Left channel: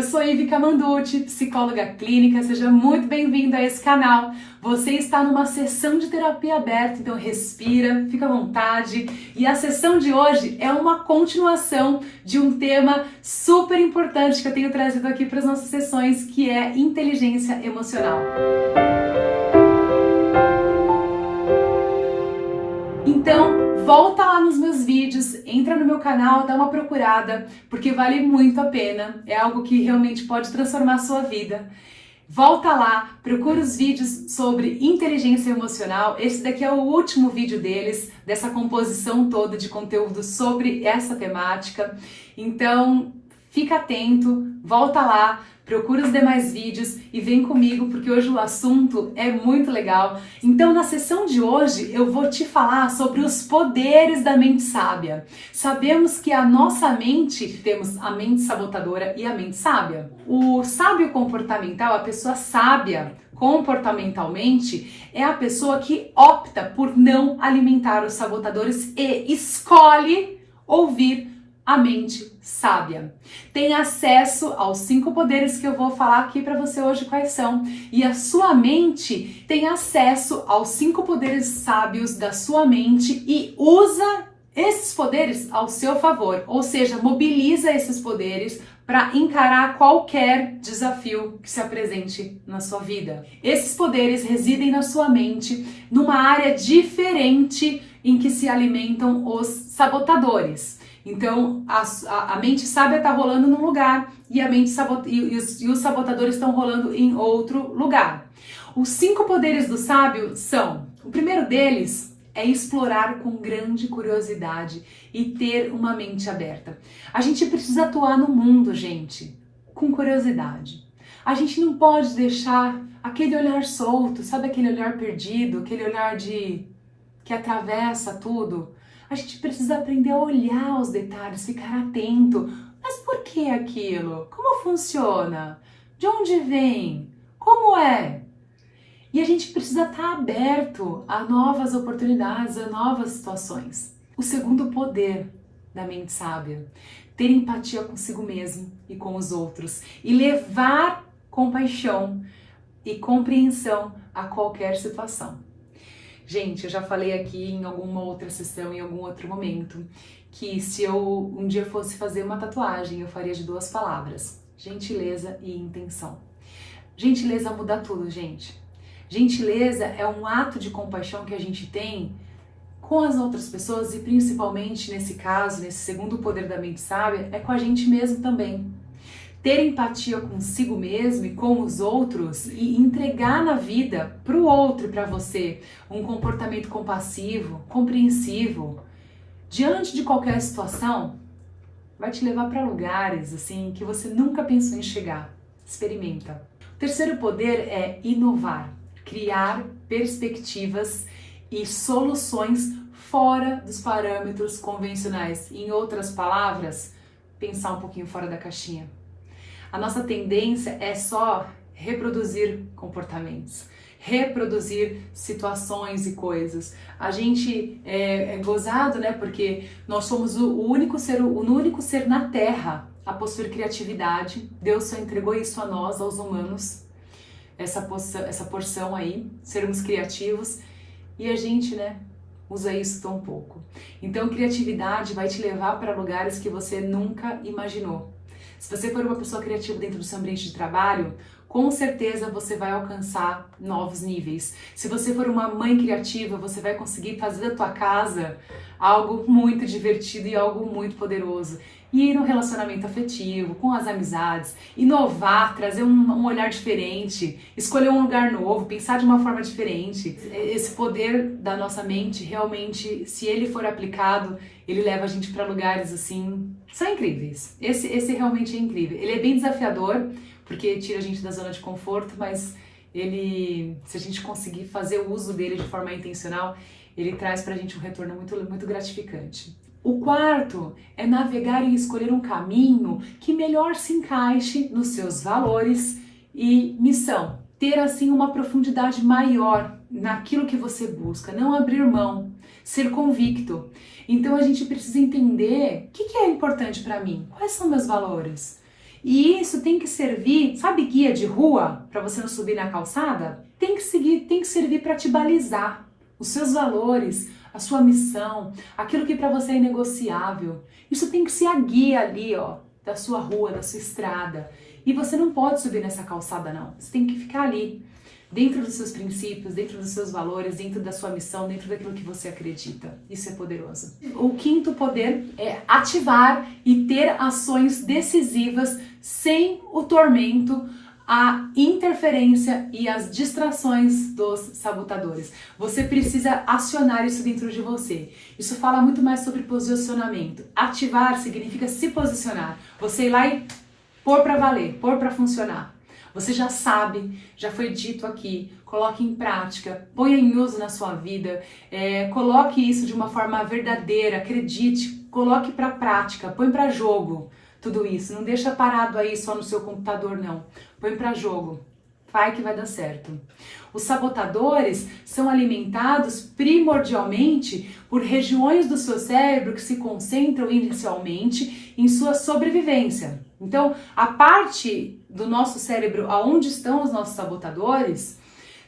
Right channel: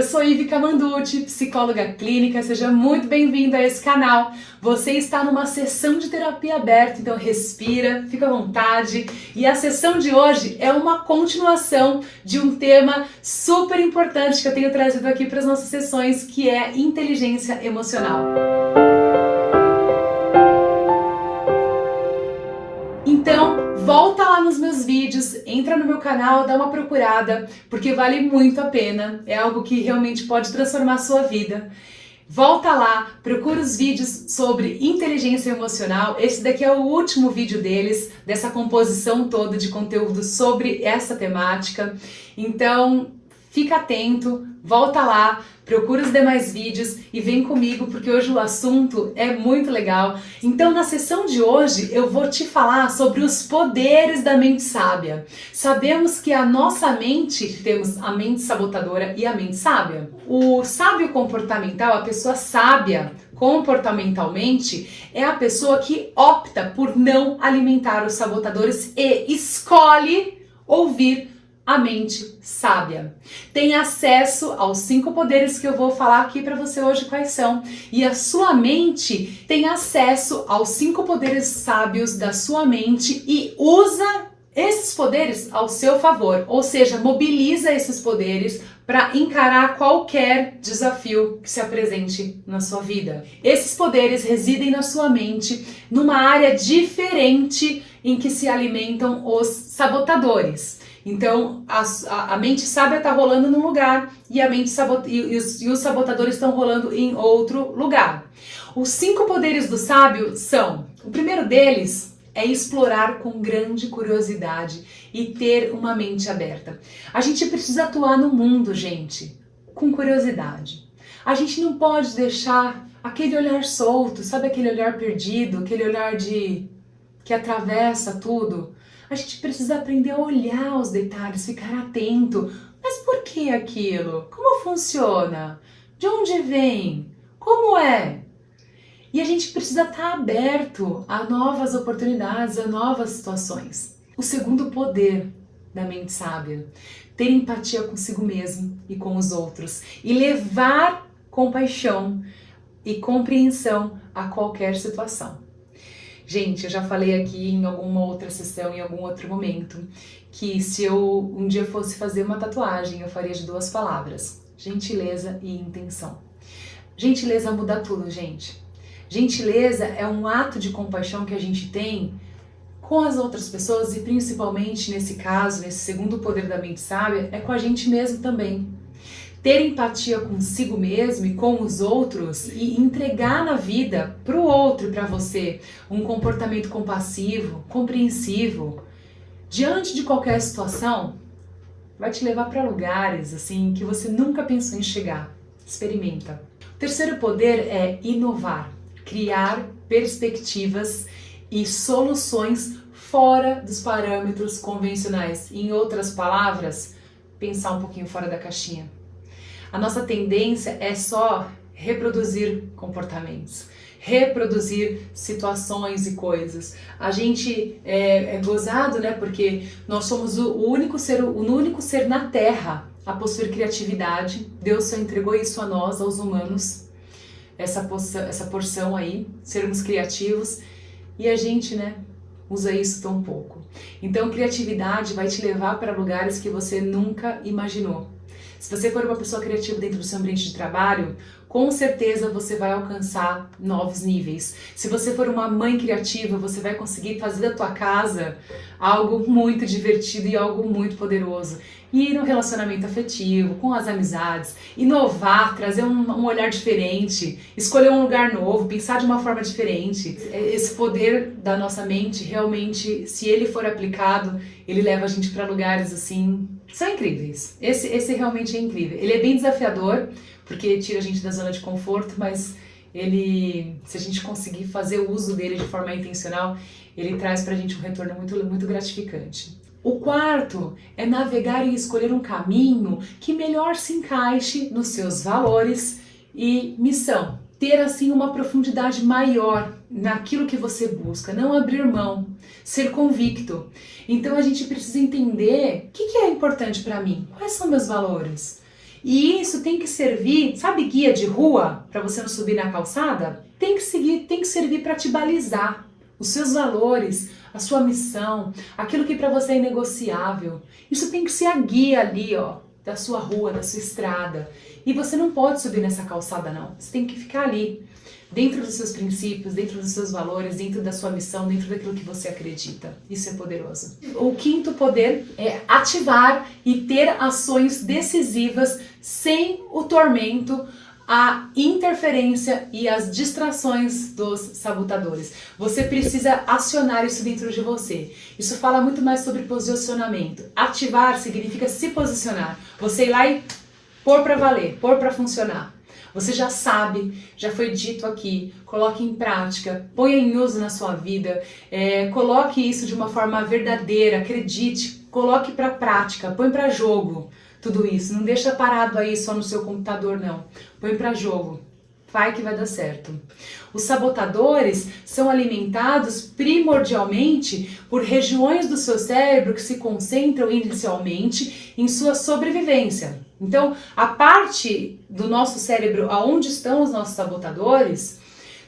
Eu sou Ivi Camanduti, psicóloga clínica, seja muito bem-vindo a esse canal. Você está numa sessão de terapia aberta, então respira, fica à vontade. E a sessão de hoje é uma continuação de um tema super importante que eu tenho trazido aqui para as nossas sessões, que é inteligência emocional. Então, volta lá nos meus vídeos, entra no meu canal, dá uma procurada, porque vale muito a pena, é algo que realmente pode transformar a sua vida. Volta lá, procura os vídeos sobre inteligência emocional, esse daqui é o último vídeo deles, dessa composição toda de conteúdo sobre essa temática. Então, fica atento, volta lá, procura os demais vídeos e vem comigo porque hoje o assunto é muito legal. Então na sessão de hoje eu vou te falar sobre os poderes da mente sábia. Sabemos que a nossa mente, temos a mente sabotadora e a mente sábia. O sábio comportamental, a pessoa sábia comportamentalmente, é a pessoa que opta por não alimentar os sabotadores e escolhe ouvir a mente sábia. Tem acesso aos 5 poderes que eu vou falar aqui para você hoje quais são. E a sua mente tem acesso aos 5 poderes sábios da sua mente e usa esses poderes ao seu favor. Ou seja, mobiliza esses poderes para encarar qualquer desafio que se apresente na sua vida. Esses poderes residem na sua mente, numa área diferente em que se alimentam os sabotadores. Então, a mente sábia está rolando num lugar e os sabotadores estão rolando em outro lugar. Os 5 poderes do sábio são: o primeiro deles é explorar com grande curiosidade e ter uma mente aberta. A gente precisa atuar no mundo, gente, com curiosidade. A gente não pode deixar aquele olhar solto, sabe aquele olhar perdido, aquele olhar que atravessa tudo. A gente precisa aprender a olhar os detalhes, ficar atento. Mas por que aquilo? Como funciona? De onde vem? Como é? E a gente precisa estar aberto a novas oportunidades, a novas situações. O segundo poder da mente sábia: ter empatia consigo mesmo e com os outros e levar compaixão e compreensão a qualquer situação. Gente, eu já falei aqui em alguma outra sessão, em algum outro momento, que se eu um dia fosse fazer uma tatuagem, eu faria de 2 palavras: gentileza e intenção. Gentileza muda tudo, gente. Gentileza é um ato de compaixão que a gente tem com as outras pessoas e principalmente nesse caso, nesse segundo poder da mente sábia, é com a gente mesmo também. Ter empatia consigo mesmo e com os outros e entregar na vida para o outro e para você um comportamento compassivo, compreensivo, diante de qualquer situação, vai te levar para lugares assim que você nunca pensou em chegar. Experimenta. O terceiro poder é inovar, criar perspectivas e soluções fora dos parâmetros convencionais. Em outras palavras, pensar um pouquinho fora da caixinha. A nossa tendência é só reproduzir comportamentos, reproduzir situações e coisas. A gente é gozado, né? Porque nós somos o único ser na Terra a possuir criatividade. Deus só entregou isso a nós, aos humanos, essa porção aí, sermos criativos, e a gente, né, usa isso tão pouco. Então, criatividade vai te levar para lugares que você nunca imaginou. Se você for uma pessoa criativa dentro do seu ambiente de trabalho, com certeza você vai alcançar novos níveis. Se você for uma mãe criativa, você vai conseguir fazer da tua casa algo muito divertido e algo muito poderoso. E no relacionamento afetivo, com as amizades, inovar, trazer um olhar diferente, escolher um lugar novo, pensar de uma forma diferente. Esse poder da nossa mente, realmente, se ele for aplicado, ele leva a gente para lugares assim, são incríveis. Esse realmente é incrível. Ele é bem desafiador, porque tira a gente da zona de conforto, mas ele, se a gente conseguir fazer o uso dele de forma intencional, ele traz pra gente um retorno muito gratificante. O quarto é navegar e escolher um caminho que melhor se encaixe nos seus valores e missão. Ter assim uma profundidade maior naquilo que você busca, não abrir mão, ser convicto. Então a gente precisa entender o que é importante para mim, quais são meus valores. E isso tem que servir, sabe, guia de rua para você não subir na calçada? Tem que servir para te balizar os seus valores, a sua missão, aquilo que para você é inegociável. Isso tem que ser a guia ali, ó, da sua rua, da sua estrada. E você não pode subir nessa calçada, não. Você tem que ficar ali, dentro dos seus princípios, dentro dos seus valores, dentro da sua missão, dentro daquilo que você acredita. Isso é poderoso. O quinto poder é ativar e ter ações decisivas sem o tormento, a interferência e as distrações dos sabotadores. Você precisa acionar isso dentro de você. Isso fala muito mais sobre posicionamento. Ativar significa se posicionar. Você ir lá e pôr para valer, pôr para funcionar. Você já sabe, já foi dito aqui, coloque em prática, ponha em uso na sua vida, coloque isso de uma forma verdadeira, acredite, coloque para prática, põe para jogo tudo isso. Não deixa parado aí só no seu computador, não. Põe para jogo. Vai que vai dar certo. Os sabotadores são alimentados primordialmente por regiões do seu cérebro que se concentram inicialmente em sua sobrevivência. Então, a parte do nosso cérebro onde estão os nossos sabotadores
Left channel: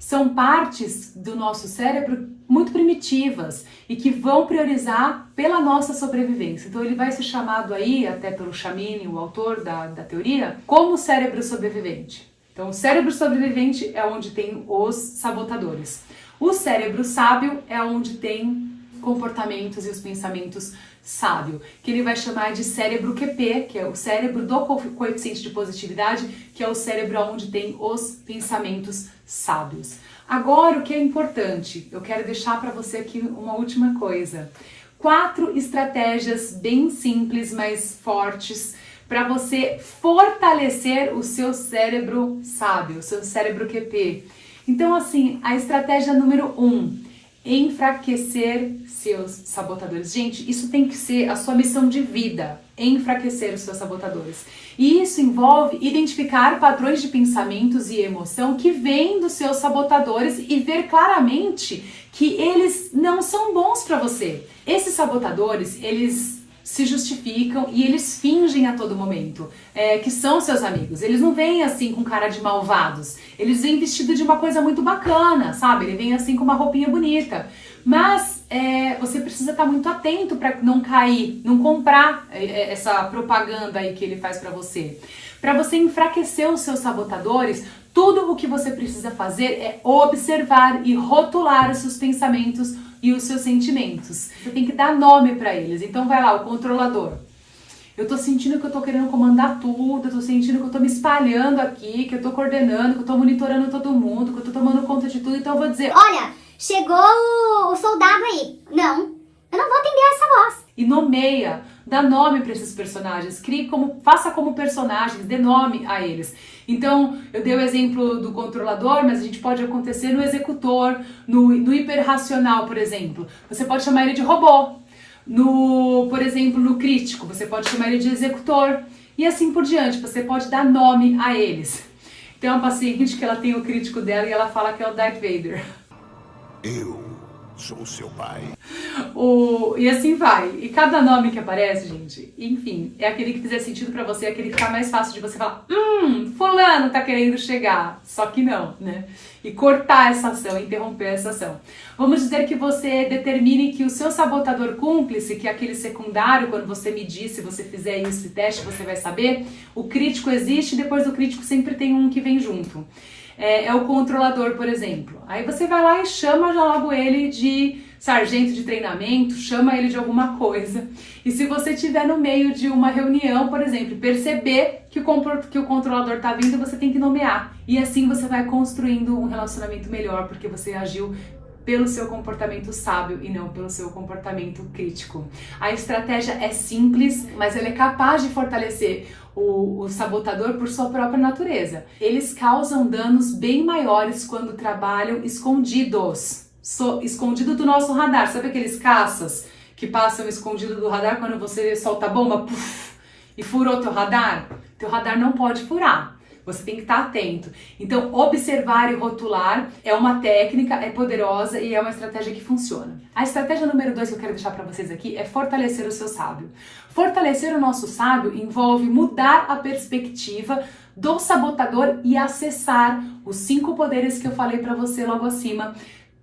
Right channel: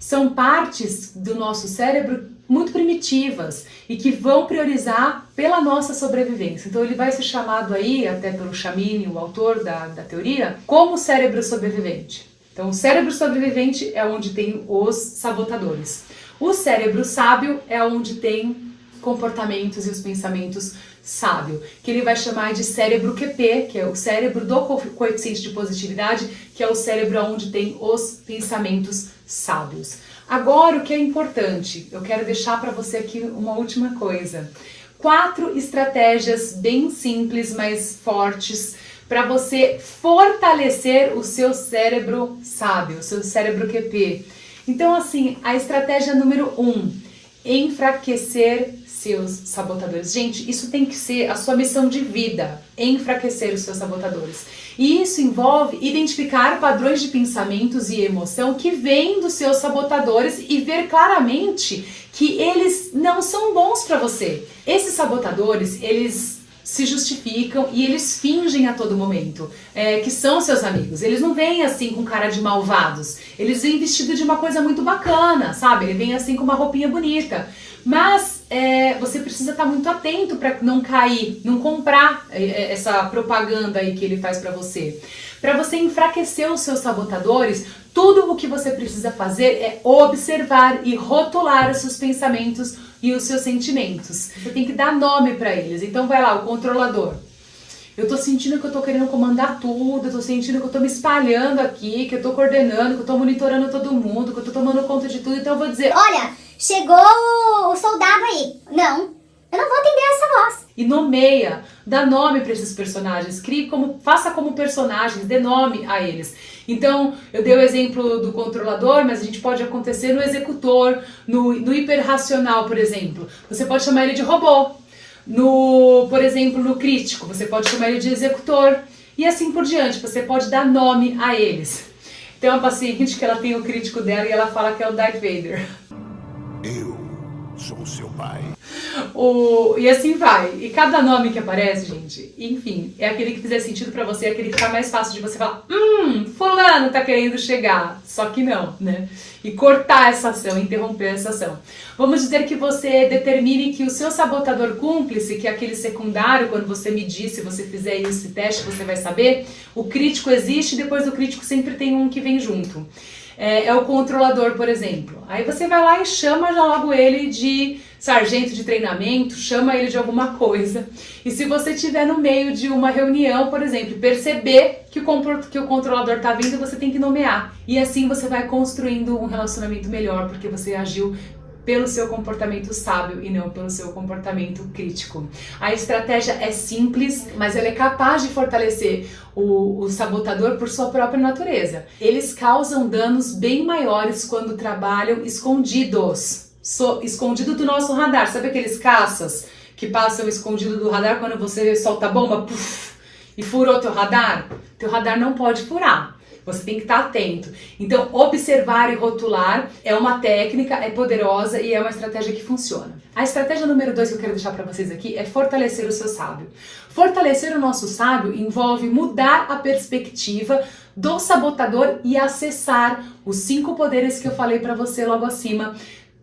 são partes do nosso cérebro muito primitivas e que vão priorizar pela nossa sobrevivência. Então ele vai ser chamado aí, até pelo Chamini, o autor da teoria, como cérebro sobrevivente. Então o cérebro sobrevivente é onde tem os sabotadores. O cérebro sábio é onde tem comportamentos e os pensamentos sábios, que ele vai chamar de cérebro QP, que é o cérebro do coeficiente de positividade, que é o cérebro onde tem os pensamentos sábios. Agora, o que é importante, eu quero deixar para você aqui uma última coisa. 4 estratégias bem simples, mas fortes, para você fortalecer o seu cérebro sábio, o seu cérebro QP. Então, assim, a estratégia número 1, enfraquecer seus sabotadores. Gente, isso tem que ser a sua missão de vida, enfraquecer os seus sabotadores. E isso envolve identificar padrões de pensamentos e emoção que vêm dos seus sabotadores e ver claramente que eles não são bons para você. Esses sabotadores, eles se justificam e eles fingem a todo momento que são seus amigos. Eles não vêm assim com cara de malvados. Eles vêm vestido de uma coisa muito bacana, sabe? Ele vem assim com uma roupinha bonita. Mas você precisa estar muito atento para não cair, não comprar essa propaganda aí que ele faz para você. Para você enfraquecer os seus sabotadores, tudo o que você precisa fazer é observar e rotular os seus pensamentos e os seus sentimentos. Você tem que dar nome para eles. Então vai lá, o controlador. Eu tô sentindo que eu tô querendo comandar tudo, eu tô sentindo que eu tô me espalhando aqui, que eu tô coordenando, que eu tô monitorando todo mundo, que eu tô tomando conta de tudo, então eu vou dizer: olha, chegou o soldado aí. Não, eu não vou atender essa voz. E nomeia, dá nome para esses personagens, faça como personagens, dê nome a eles. Então, eu dei o exemplo do controlador, mas a gente pode acontecer no executor, no hiperracional, por exemplo. Você pode chamar ele de robô. Por exemplo, no crítico, você pode chamar ele de executor. E assim por diante, você pode dar nome a eles. Tem uma paciente que ela tem o crítico dela e ela fala que é o Darth Vader. Eu sou seu pai. E assim vai. E cada nome que aparece, gente, enfim, é aquele que fizer sentido pra você, é aquele que tá mais fácil de você falar: fulano tá querendo chegar. Só que não, né? E cortar essa ação, interromper essa ação. Vamos dizer que você determine que o seu sabotador cúmplice, que é aquele secundário, quando você medir, se você fizer esse teste, você vai saber, o crítico existe e depois do crítico sempre tem um que vem junto. É o controlador, por exemplo. Aí você vai lá e chama já logo ele de sargento de treinamento, chama ele de alguma coisa. E se você estiver no meio de uma reunião, por exemplo, perceber que o controlador está vindo, você tem que nomear. E assim você vai construindo um relacionamento melhor, porque você agiu pelo seu comportamento sábio e não pelo seu comportamento crítico. A estratégia é simples, mas ela é capaz de fortalecer o sabotador por sua própria natureza. Eles causam danos bem maiores quando trabalham escondidos. Escondido do nosso radar. Sabe aqueles caças que passam escondido do radar quando você solta a bomba, puff, e furou teu radar? Teu radar não pode furar. Você tem que estar atento. Então, observar e rotular é uma técnica, é poderosa e é uma estratégia que funciona. A estratégia número 2 que eu quero deixar para vocês aqui é fortalecer o seu sábio. Fortalecer o nosso sábio envolve mudar a perspectiva do sabotador e acessar os 5 poderes que eu falei para você logo acima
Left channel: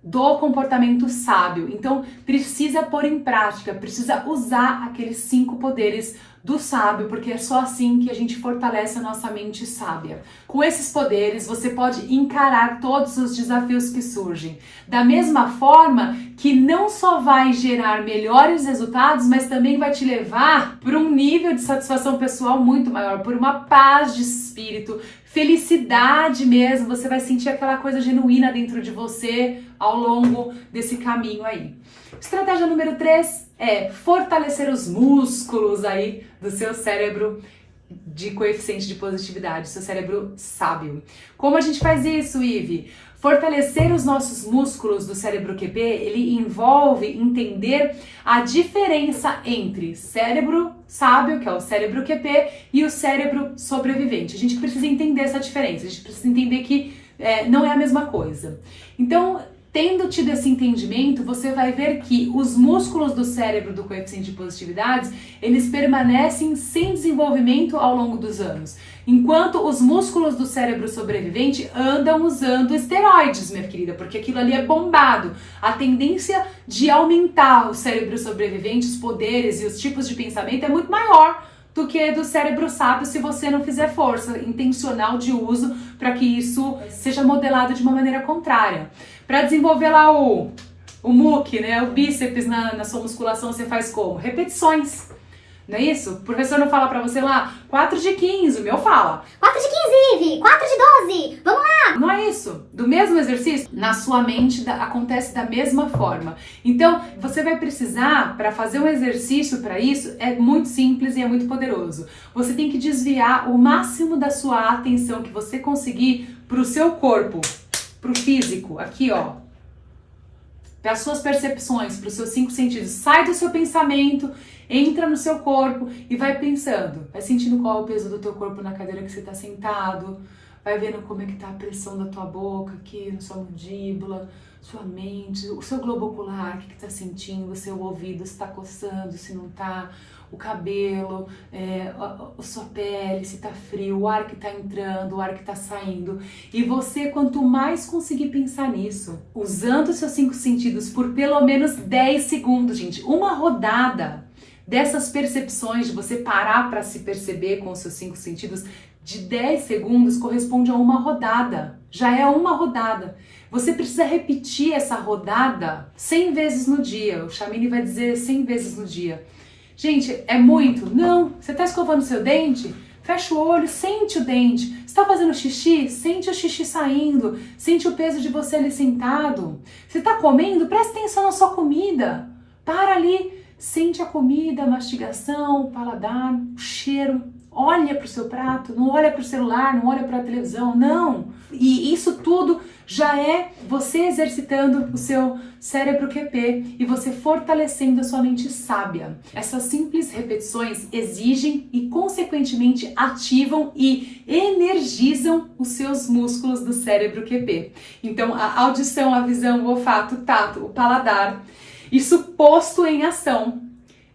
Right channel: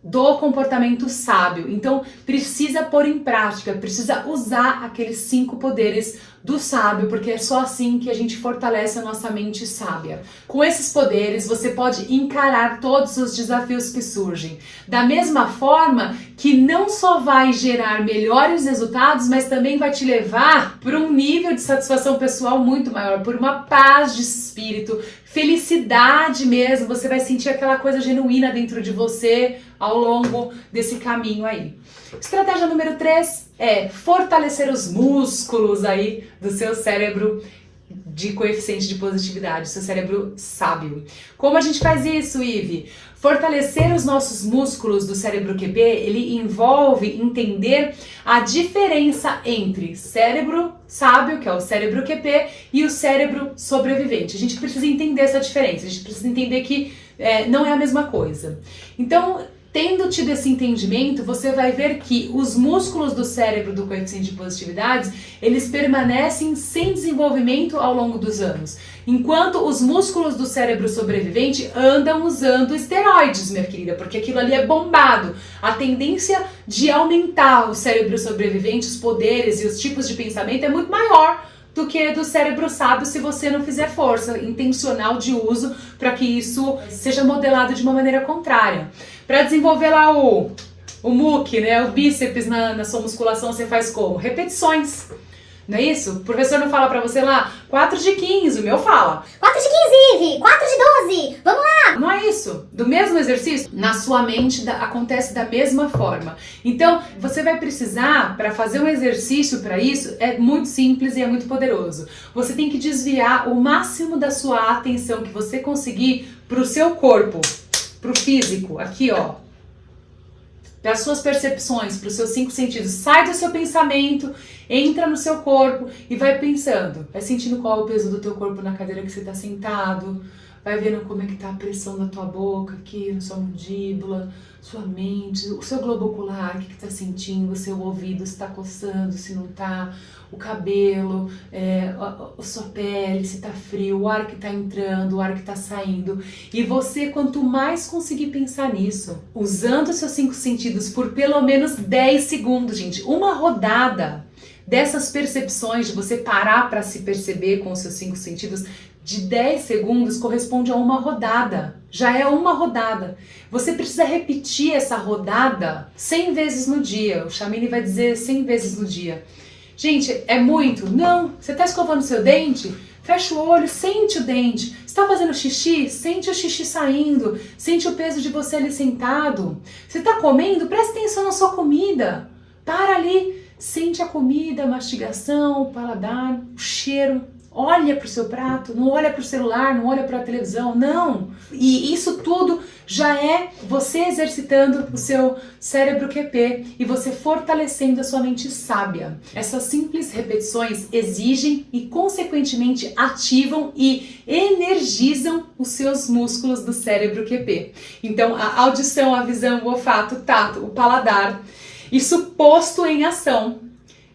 do comportamento sábio. Então, precisa pôr em prática, precisa usar aqueles 5 poderes do sábio, porque é só assim que a gente fortalece a nossa mente sábia. Com esses poderes, você pode encarar todos os desafios que surgem. Da mesma forma que não só vai gerar melhores resultados, mas também vai te levar para um nível de satisfação pessoal muito maior, por uma paz de espírito, felicidade mesmo. Você vai sentir aquela coisa genuína dentro de você ao longo desse caminho aí. Estratégia número 3 é fortalecer os músculos aí do seu cérebro de coeficiente de positividade, seu cérebro sábio. Como a gente faz isso, Ive? Fortalecer os nossos músculos do cérebro QP, ele envolve entender a diferença entre cérebro sábio, que é o cérebro QP, e o cérebro sobrevivente. A gente precisa entender essa diferença, a gente precisa entender que não é a mesma coisa. Então, tendo tido esse entendimento, você vai ver que os músculos do cérebro do coeficiente de positividade, eles permanecem sem desenvolvimento ao longo dos anos, enquanto os músculos do cérebro sobrevivente andam usando esteroides, minha querida, porque aquilo ali é bombado. A tendência de aumentar o cérebro sobrevivente, os poderes e os tipos de pensamento é muito maior do que do cérebro sábio se você não fizer força intencional de uso para que isso seja modelado de uma maneira contrária. Para desenvolver lá o MUC, né, o bíceps na sua musculação, você faz como? Repetições. Não é isso? O professor não fala pra você lá 4 de 15, o meu fala 4 de 15, Ive, 4 de 12, vamos lá! Não é isso. Do mesmo exercício, na sua mente acontece da mesma forma. Então, você vai precisar, para fazer um exercício para isso, é muito simples e é muito poderoso. Você tem que desviar o máximo da sua atenção que você conseguir pro seu corpo, pro físico, aqui ó. Para as suas percepções, para os seus 5 sentidos. Sai do seu pensamento, entra no seu corpo e vai pensando. Vai sentindo qual é o peso do teu corpo na cadeira que você está sentado. Vai vendo como é que tá a pressão da tua boca aqui, na sua mandíbula, sua mente, o seu globo ocular, o que está sentindo, o seu ouvido, se está coçando, se não está, o cabelo, a sua pele, se está frio, o ar que está entrando, o ar que está saindo. E você, quanto mais conseguir pensar nisso, usando os seus 5 sentidos por pelo menos 10 segundos, gente, uma rodada dessas percepções, de você parar para se perceber com os seus 5 sentidos, de 10 segundos corresponde a uma rodada. Já é uma rodada. Você precisa repetir essa rodada 100 vezes no dia. O Chamini vai dizer 100 vezes no dia. Gente, é muito? Não. Você está escovando seu dente? Fecha o olho, sente o dente. Você está fazendo xixi? Sente o xixi saindo. Sente o peso de você ali sentado. Você está comendo? Presta atenção na sua comida. Para ali. Sente a comida, a mastigação, o paladar, o cheiro. Olha para o seu prato, não olha para o celular, não olha para a televisão, não. E isso tudo já é você exercitando o seu cérebro QP e você fortalecendo a sua mente sábia. Essas simples repetições exigem e, consequentemente, ativam e energizam os seus músculos do cérebro QP. Então, a audição, a visão, o olfato, o tato, o paladar, isso posto em ação,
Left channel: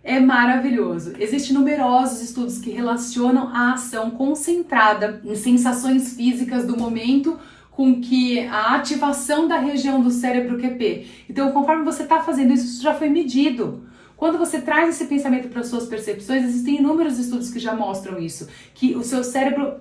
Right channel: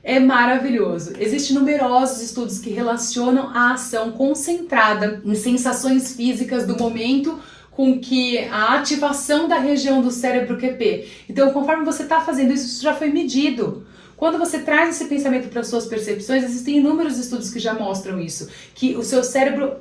é maravilhoso. Existem numerosos estudos que relacionam a ação concentrada em sensações físicas do momento com que a ativação da região do cérebro QP. Então, conforme você está fazendo isso, isso já foi medido. Quando você traz esse pensamento para as suas percepções, existem inúmeros estudos que já mostram isso, que o seu cérebro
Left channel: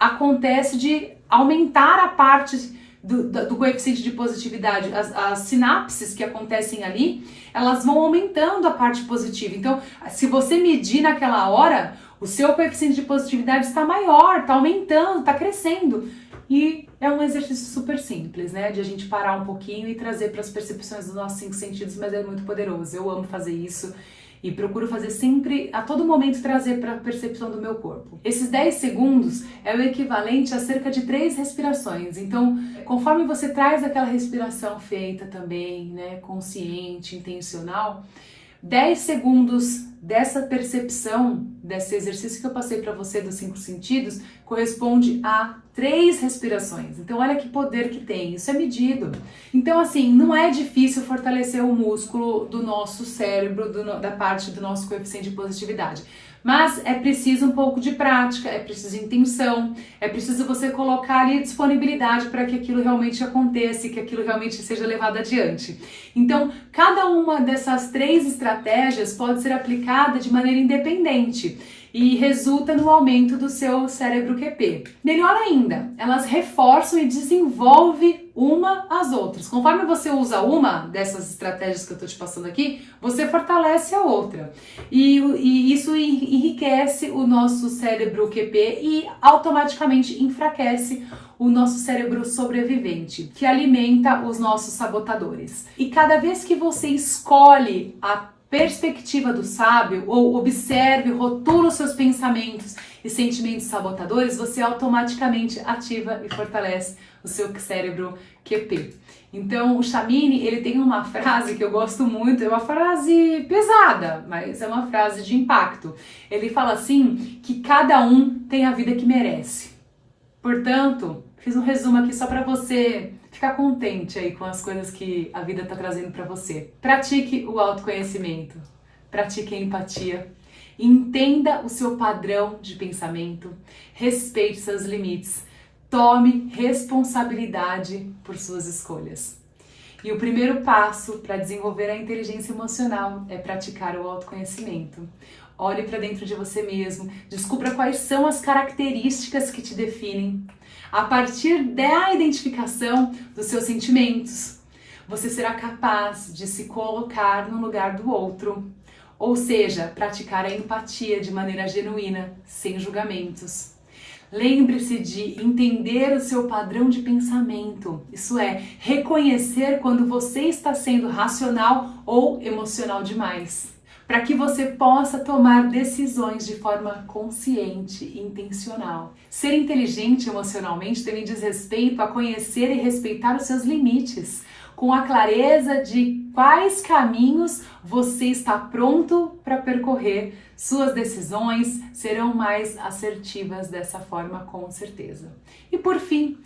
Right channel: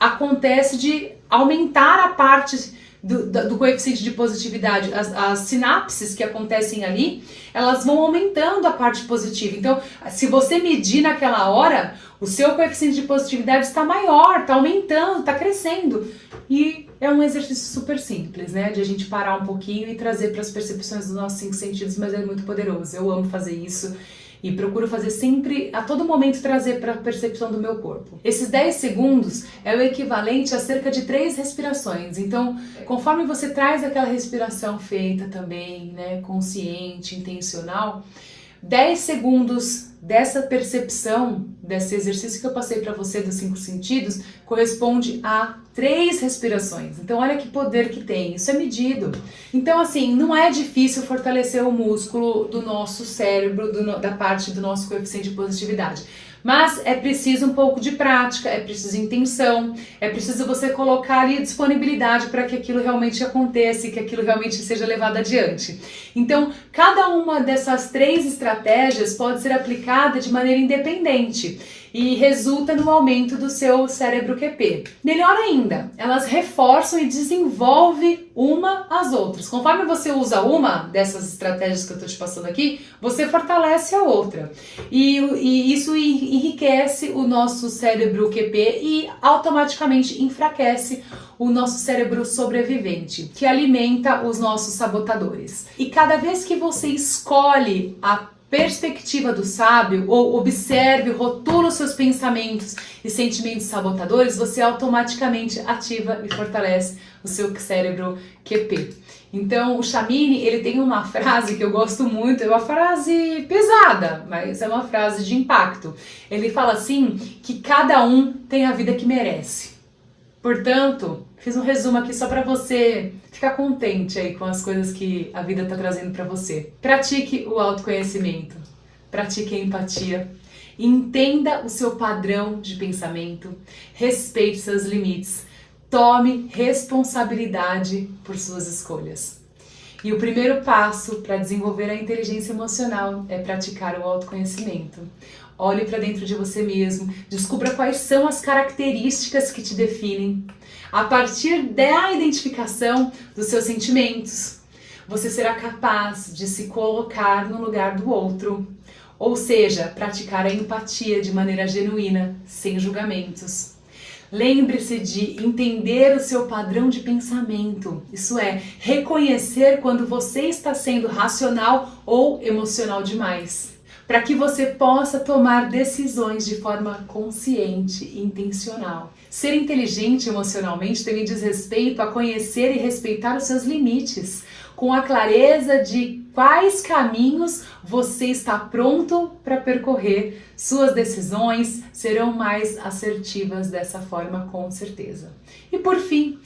acontece de aumentar a parte do coeficiente de positividade, as sinapses que acontecem ali, elas vão aumentando a parte positiva. Então, se você medir naquela hora, o seu coeficiente de positividade está maior, está aumentando, está crescendo. E é um exercício super simples, né? De a gente parar um pouquinho e trazer para as percepções dos nossos 5 sentidos, mas é muito poderoso. Eu amo fazer isso. E procuro fazer sempre, a todo momento, trazer para a percepção do meu corpo. Esses 10 segundos é o equivalente a cerca de 3 respirações. Então, conforme você traz aquela respiração feita também, né, consciente, intencional, 10 segundos dessa percepção, desse exercício que eu passei para você dos 5 sentidos, corresponde a 3 respirações. Então olha que poder que tem, isso é medido. Então assim, não é difícil fortalecer o músculo do nosso cérebro, da parte do nosso coeficiente de positividade. Mas é preciso um pouco de prática, é preciso intenção, é preciso você colocar ali disponibilidade para que aquilo realmente aconteça e que aquilo realmente seja levado adiante. Então, cada uma dessas 3 estratégias pode ser aplicada de maneira independente e resulta no aumento do seu cérebro QP. Melhor ainda, elas reforçam e desenvolvem uma às outras. Conforme você usa uma dessas estratégias que eu estou te passando aqui, você fortalece a outra. E isso enriquece o nosso cérebro QP e automaticamente enfraquece o nosso cérebro sobrevivente, que alimenta os nossos sabotadores. E cada vez que você escolhe a perspectiva do sábio, ou observe, rotula os seus pensamentos e sentimentos sabotadores, você automaticamente ativa e fortalece o seu cérebro QP. Então, o Chamini, ele tem uma frase que eu gosto muito, é uma frase pesada, mas é uma frase de impacto. Ele fala assim, que cada um tem a vida que merece. Portanto, fiz um resumo aqui só para você ficar contente aí com as coisas que a vida está trazendo para você. Pratique o autoconhecimento, pratique a empatia, entenda o seu padrão de pensamento, respeite seus limites, tome responsabilidade por suas escolhas. E o primeiro passo para desenvolver a inteligência emocional é praticar o autoconhecimento. Olhe para dentro de você mesmo, descubra quais são as características que te definem. A partir da identificação dos seus sentimentos, você será capaz de se colocar no lugar do outro, ou seja, praticar a empatia de maneira genuína, sem julgamentos. Lembre-se de entender o seu padrão de pensamento, isso é, reconhecer quando você está sendo racional ou emocional demais, para que você possa tomar decisões de forma consciente e intencional. Ser inteligente emocionalmente também diz respeito a conhecer e respeitar os seus limites, com a clareza de quais caminhos você está pronto para percorrer. Suas decisões serão mais assertivas dessa forma, com certeza. E por fim,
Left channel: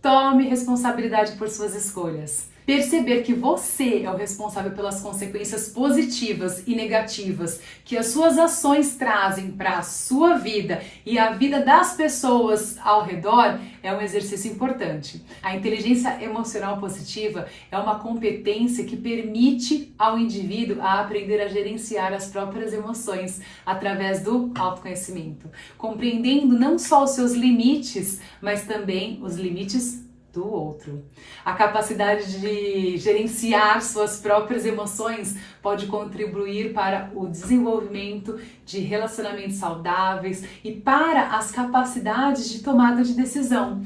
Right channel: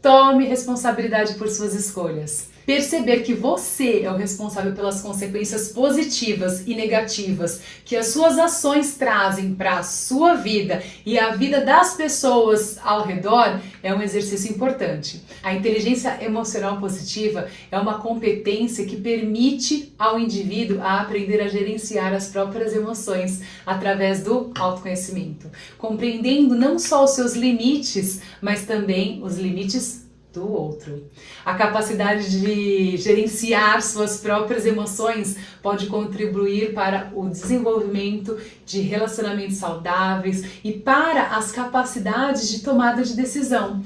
tome responsabilidade por suas escolhas. Perceber que você é o responsável pelas consequências positivas e negativas que as suas ações trazem para a sua vida e a vida das pessoas ao redor é um exercício importante. A inteligência emocional positiva é uma competência que permite ao indivíduo a aprender a gerenciar as próprias emoções através do autoconhecimento, compreendendo não só os seus limites, mas também os limites do outro. A capacidade de gerenciar suas próprias emoções pode contribuir para o desenvolvimento de relacionamentos saudáveis e para as capacidades de tomada de decisão,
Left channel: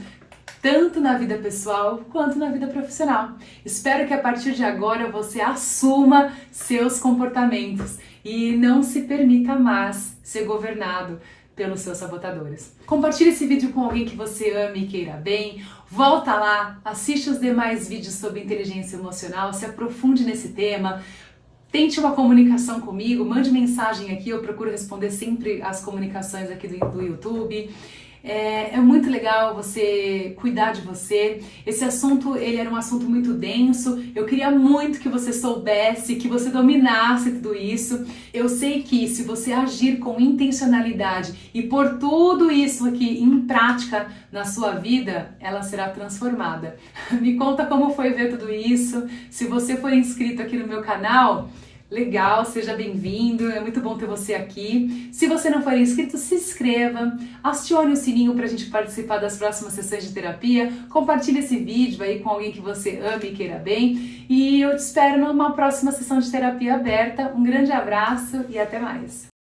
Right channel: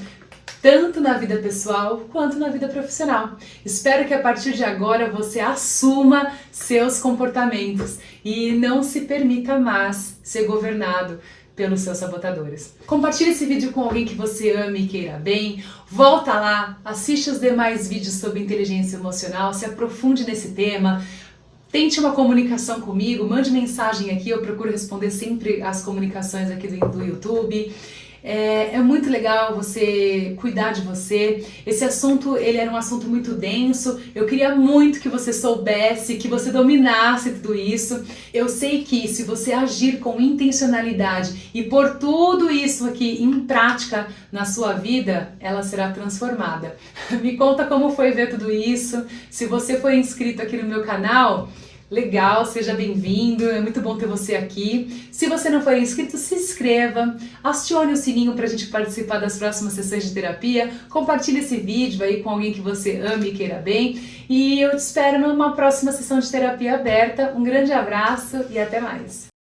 tanto na vida pessoal quanto na vida profissional. Espero que a partir de agora você assuma seus comportamentos e não se permita mais ser governado pelos seus sabotadores. Compartilhe esse vídeo com alguém que você ame e queira bem. Volta lá, assiste os demais vídeos sobre inteligência emocional, se aprofunde nesse tema. Tente uma comunicação comigo, mande mensagem aqui, eu procuro responder sempre as comunicações aqui do YouTube. É muito legal você cuidar de você. Esse assunto, ele era um assunto muito denso. Eu queria muito que você soubesse, que você dominasse tudo isso. Eu sei que se você agir com intencionalidade e pôr tudo isso aqui em prática na sua vida, ela será transformada. Me conta como foi ver tudo isso. Se você for inscrito aqui no meu canal, legal, seja bem-vindo, é muito bom ter você aqui. Se você não for inscrito, se inscreva, acione o sininho para a gente participar das próximas sessões de terapia, compartilhe esse vídeo aí com alguém que você ame e queira bem, e eu te espero numa próxima sessão de terapia aberta. Um grande abraço e até mais!